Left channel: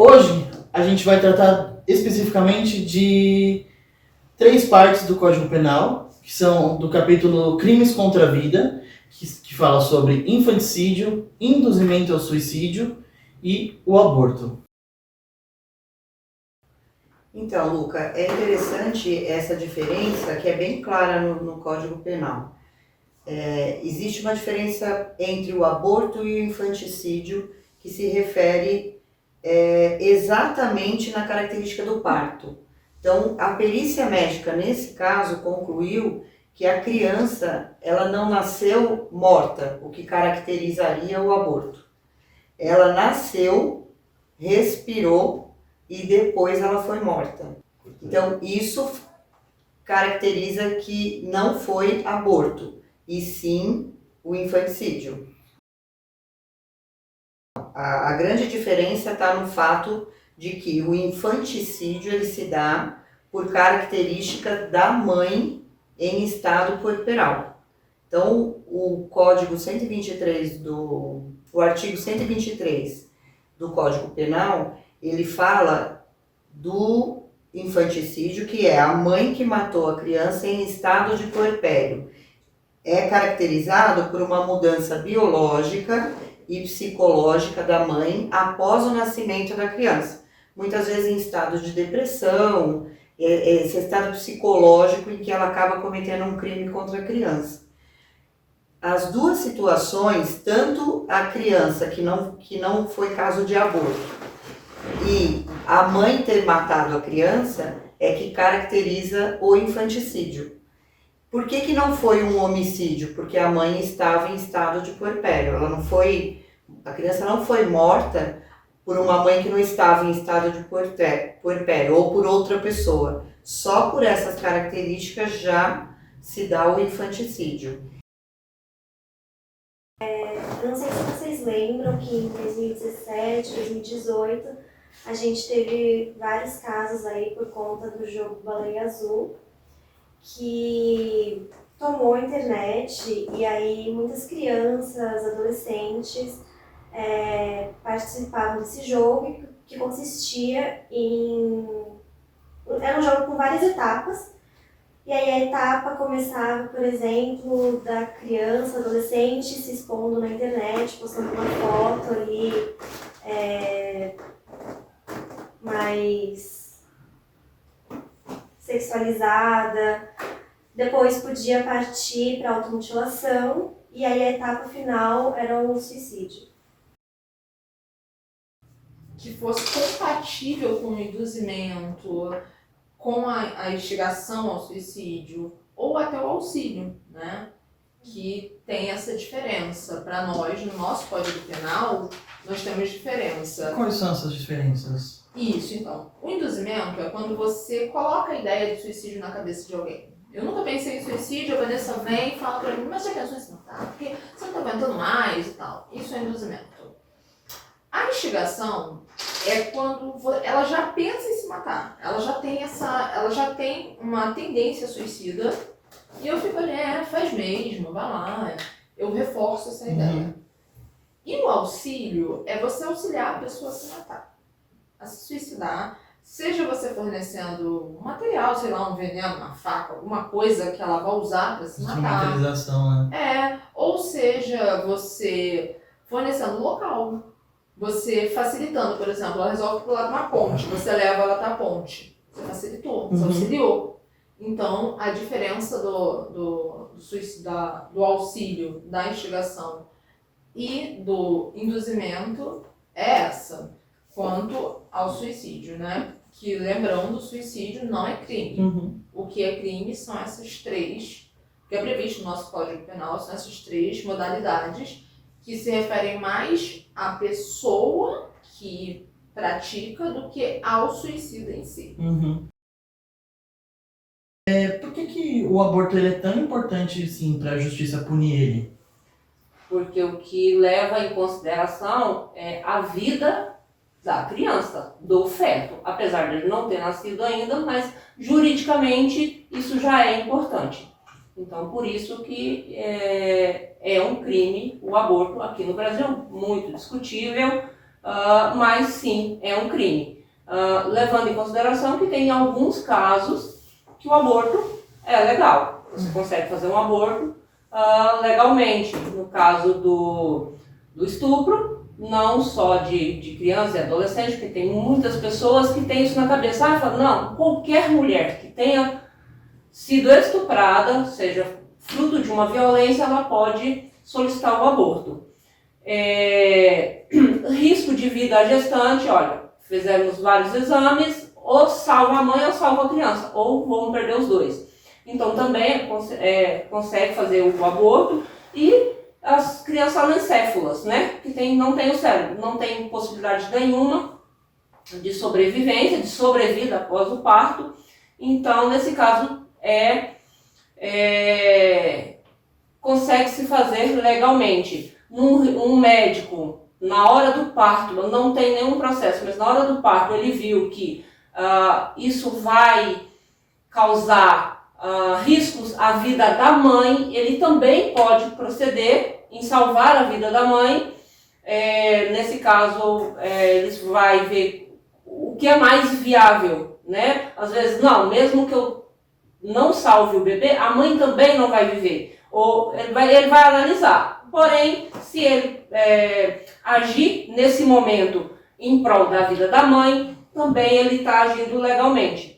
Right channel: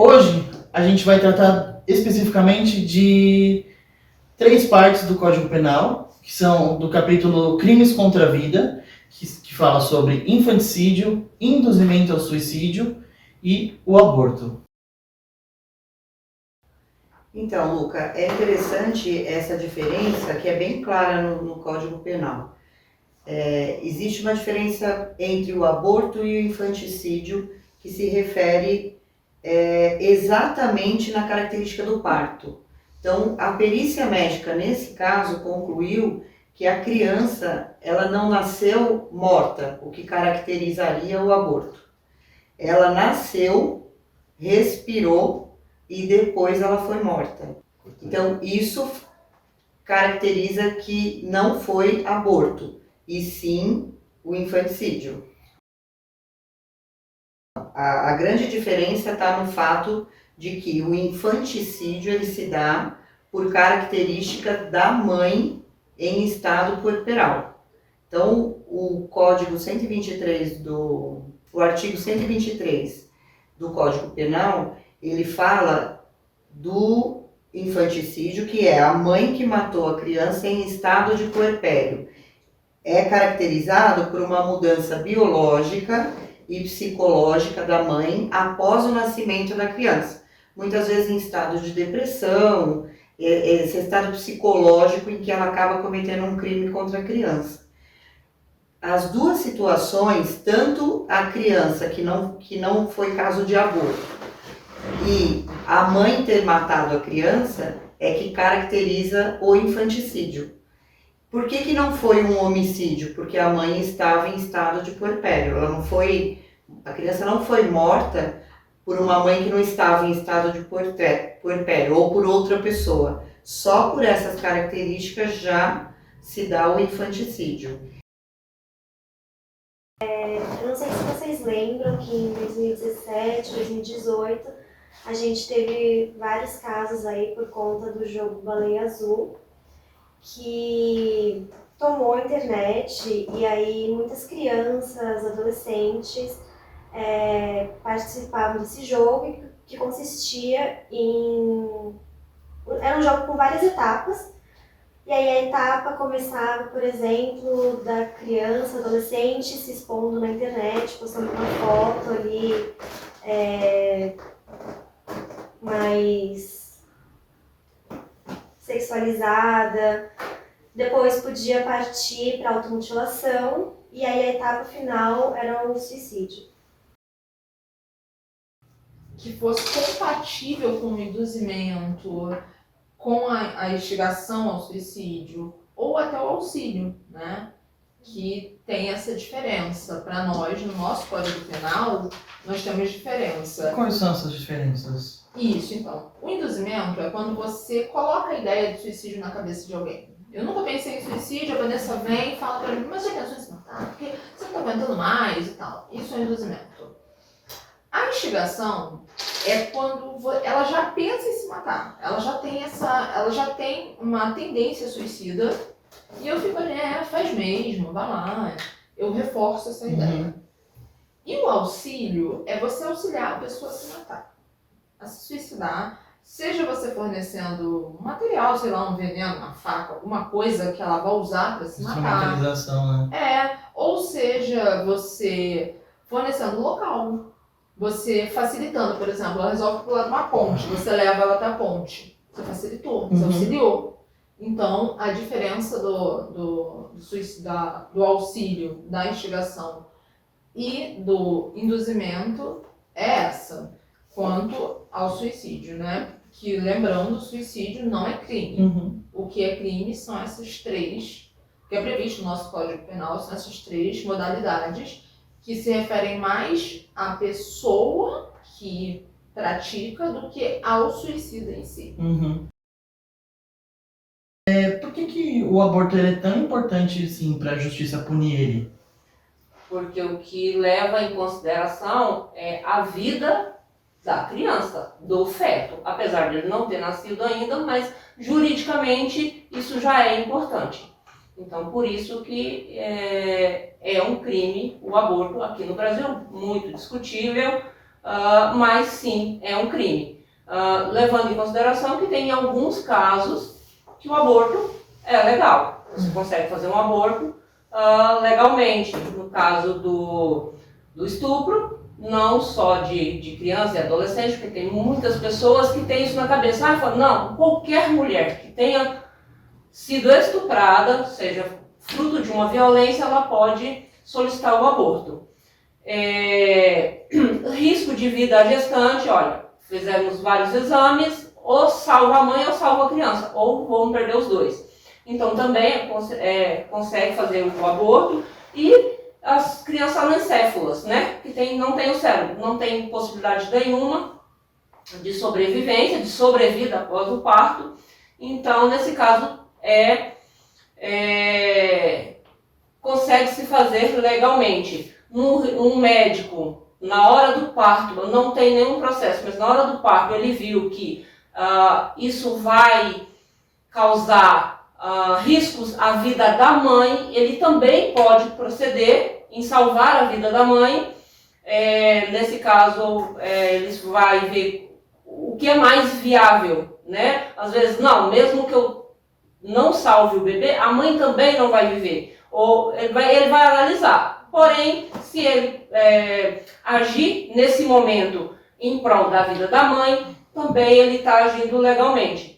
Hoje a gente vai tratar especificamente de 3 partes do Código Penal, que são do capítulo Crimes contra a Vida, que fala sobre infanticídio, induzimento ao suicídio e o aborto. Então, Luca, é interessante essa diferença que é bem clara no Código Penal. Existe uma diferença entre o aborto e o infanticídio que se refere exatamente na característica do parto. Então, a perícia médica, nesse caso, concluiu que a criança ela não nasceu morta, o que caracterizaria o aborto. Ela nasceu, respirou e depois ela foi morta. Então, isso caracteriza que não foi aborto, e sim o infanticídio. A grande diferença está no fato de que o infanticídio ele se dá por característica da mãe em estado puerperal. Então, o Código 123 o artigo 123 do Código Penal, ele fala do infanticídio, que é a mãe que matou a criança em estado de puerpério. É caracterizado por uma mudança biológica e psicológica da mãe após o nascimento da criança. Muitas vezes em estado de depressão, esse estado psicológico em que ela acaba cometendo um crime contra a criança. As duas situações, tanto a criança que não foi caso de aborto e a mãe ter matado a criança, é que caracteriza o infanticídio. Por que não foi um homicídio? Porque a mãe estava em estado de puerpério. A criança não foi morta por uma mãe que não estava em estado de puerpério ou por outra pessoa. Só por essas características já se dá o infanticídio. Eu não sei se vocês lembram que em 2017, 2018, a gente teve vários casos aí por conta do jogo Baleia Azul, que tomou a internet e aí muitas crianças, adolescentes participavam desse jogo, que consistia em... Era um jogo com várias etapas, e aí a etapa começava, por exemplo, da criança, adolescente se expondo na internet, postando uma foto ali mais sexualizada. Depois podia partir para automutilação e aí a etapa final era o suicídio. Que fosse compatível com o induzimento, com a instigação ao suicídio ou até o auxílio, né? Que tem essa diferença. Para nós, no nosso Código Penal, nós temos diferença. Quais são essas diferenças? Isso, então. O induzimento é quando você coloca a ideia de suicídio na cabeça de alguém. Eu nunca pensei em suicídio, a Vanessa vem e fala pra mim, mas já pensou em se matar? Porque você não tá aguentando mais e tal. Isso é induzimento. A instigação é quando ela já pensa em se matar. Ela já tem uma tendência suicida. E eu fico ali, faz mesmo, vai lá. Eu reforço essa ideia. E o auxílio é você auxiliar a pessoa a se matar, a se suicidar. Seja você fornecendo um material, sei lá, um veneno, uma faca, alguma coisa que ela vai usar para se matar. Instrumentalização, né? Ou seja, você fornecendo local. Você facilitando, por exemplo, ela resolve pular de uma ponte, você leva ela até a ponte. Você facilitou, você auxiliou. Então, a diferença do auxílio, da instigação e do induzimento é essa, quanto ao suicídio, né? Que, lembrando, o suicídio não é crime. O que é crime são essas 3, que é previsto no nosso Código Penal, são essas 3 modalidades que se referem mais à pessoa que pratica do que ao suicida em si. Por que o aborto ele é tão importante assim, para a justiça punir ele? Porque o que leva em consideração é a vida da criança, do feto. Apesar de ele não ter nascido ainda, mas juridicamente isso já é importante. Então, por isso que é um crime o aborto aqui no Brasil, muito discutível, mas sim, é um crime. Levando em consideração que tem alguns casos que o aborto é legal. Você consegue fazer um aborto legalmente. No caso do estupro, não só de criança e adolescente, porque tem muitas pessoas que têm isso na cabeça. Falam, não, qualquer mulher que tenha sido estuprada, seja fruto de uma violência, ela pode solicitar o aborto. Risco de vida à gestante, olha, fizemos vários exames, ou salva a mãe ou salva a criança, ou vão perder os dois. Então também consegue fazer o aborto. E as crianças anencéfalas, né, que não tem o cérebro, não tem possibilidade nenhuma de sobrevivência, de sobrevida após o parto. Então, nesse caso, consegue se fazer legalmente. Um médico, na hora do parto, não tem nenhum processo, mas na hora do parto ele viu que isso vai causar riscos à vida da mãe, ele também pode proceder em salvar a vida da mãe. Nesse caso, eles vai ver o que é mais viável, né? Às vezes, não, mesmo que eu não salve o bebê, a mãe também não vai viver. Ou ele vai analisar. Porém, se ele agir nesse momento em prol da vida da mãe, também ele está agindo legalmente.